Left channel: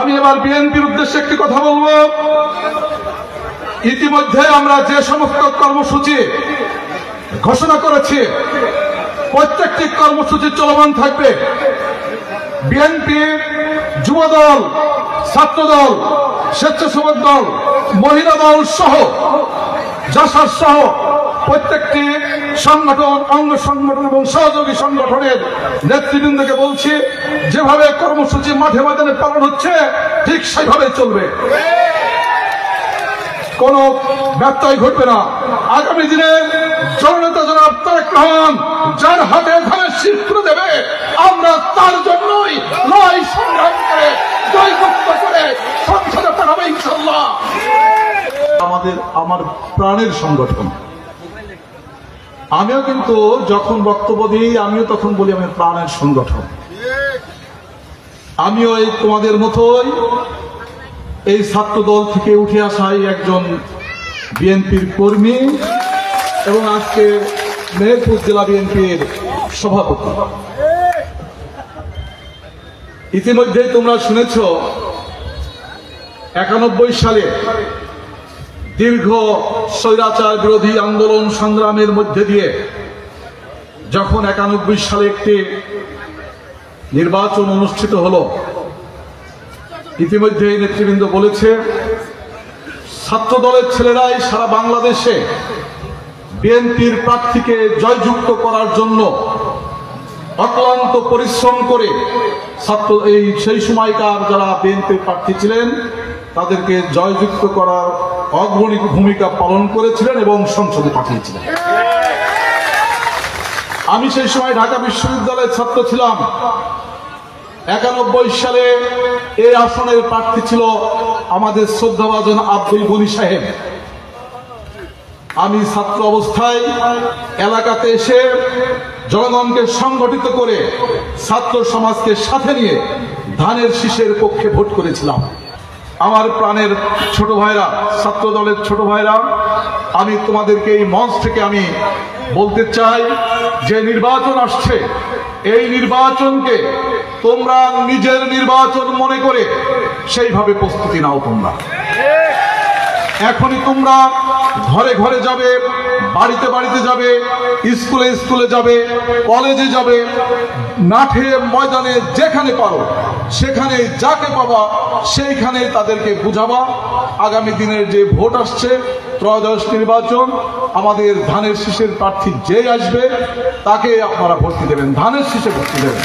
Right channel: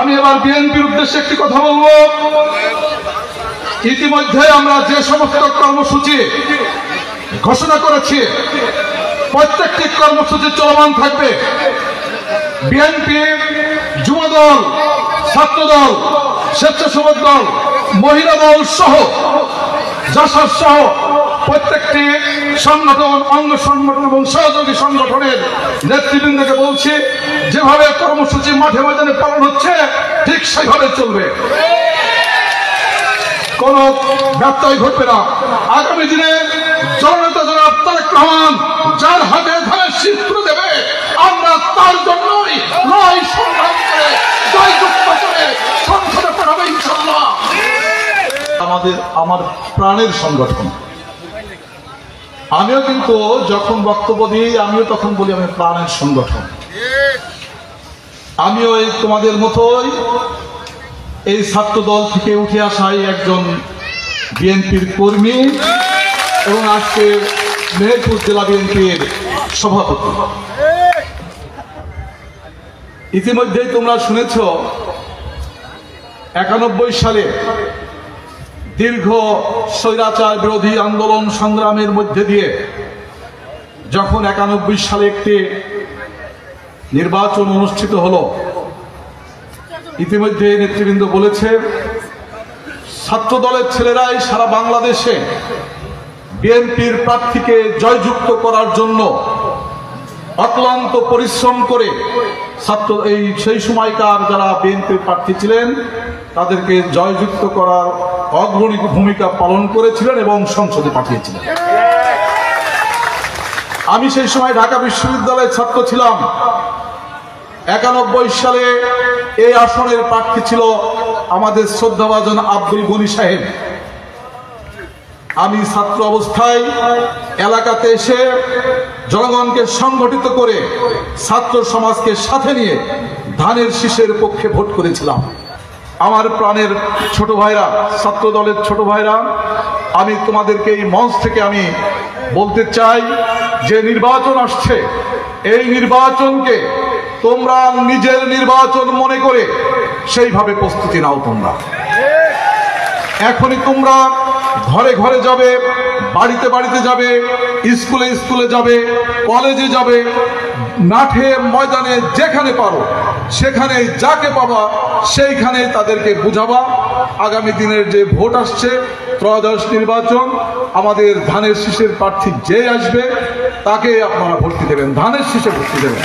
আমি এবার বিএনপির উদ্দেশ্যে একটি কথা বলবো। ইতিমধ্যে আমরা যে সমস্ত কর্মসূচি ঘোষণা করেছি প্রত্যেকটি কর্মসূচি চলমান থাকবে। বিএনপি, যুবদল, ছাত্রদল, স্বেচ্ছাসেবক দল, মহিলা দল সহ জাসদ সহ প্রত্যেকটি সংগঠন, অঙ্গ সংগঠন এবং সহযোগী সংগঠনের নেতৃবৃন্দকে বলছি, যেভাবে কর্মসূচি মাঠে ময়দানে পালন হচ্ছে ঠিক সেভাবে চলবে, কোন ব্যত্যয় ঘটবে না। আগামী দিনে জননেতা জনাব তারেক রহমান যার হাতে ধানের শীষ তুলে দেবে, আমরা তার জন্যই লড়াই সংগ্রাম করে জয়যুক্ত করে সংসদে পাঠাবো ইনশাআল্লাহ। আমার প্রাণের সংগঠন। আমিও কিন্তু যখন বক্তব্য দিই আমিও তখন বলি আমি প্রাণের সংগঠন। আমিও এই তোমাদের মতোই এই ছাত্র দল থেকে উঠে আসাই একজন বিএনপির কর্মী এবং আজকে মেহেরপুর জেলা বিএনপির সভাপতি। ইতিমধ্যেই তোমরা শুনেছ 91 সালে দীর্ঘ স্বৈরাচার বিরোধী আন্দোলন সংগ্রামের মধ্যে দিয়ে যখন 91 সালে একটি নির্বাচন অনুষ্ঠিত হলো, ইতিমধ্যে নেতৃবৃন্দ বলেছে ছাত্র দলের ছেলেরাই সারা বাংলাদেশে বিএনপির প্রার্থীকে জয়যুক্ত করার জন্য অক্লান্ত পরিশ্রম করে সেই সময়কার যারা বিএনপির প্রার্থী ছিলেন তাদেরকে জয়যুক্ত করার অগ্রণী ভূমিকা পালন করেছিলেন এবং সংসদে পাঠিয়েছিলেন। আমি সেই সময় ঢাকা বিশ্ববিদ্যালয়ের ছাত্র ছিলাম। 91 সালে এই আসনের প্রার্থী ছিল আমাদের শ্রদ্ধাভাজন আব্দুল গনি সাহেব। আমি ছাত্র অবস্থায় এলাকাতে এসে জনগণকে সংগঠিত করে ছাত্র সমাজকে সাথে নিয়ে ধানের শীষের পক্ষে ভোট করেছিলাম। আমার প্রাণের ছোট ভাইরা, ছাত্র দলের ছোট ভাইরা, আমি তোমাদেরকে এই মঞ্চ থেকে আমি বলতে চাই যে নির্বাচন আসছে, এই নির্বাচনকে তোমরা নিজের নির্বাচন মনে করে সেইভাবে প্রস্তুতি নাও। তোমরা এখনই তোমরা ঘরে ঘরে যাবে, বাড়িতে বাড়িতে যাবে, স্কুলে স্কুলে যাবে, কলেজে যাবে, মাঠে ময়দানে যেখানে পারো সেখানে যাকে পাবা সেইখানে তাদেরকে বুঝাবা আগামী দিনের যে ভোট আসছে, ত্রয়োদশ নির্বাচন, আমাদের ধানের শীষের প্রার্থী যে আসবে তাকে আপনারা ভোট দেবেন, ধানের শীষে ভোট দেবেন।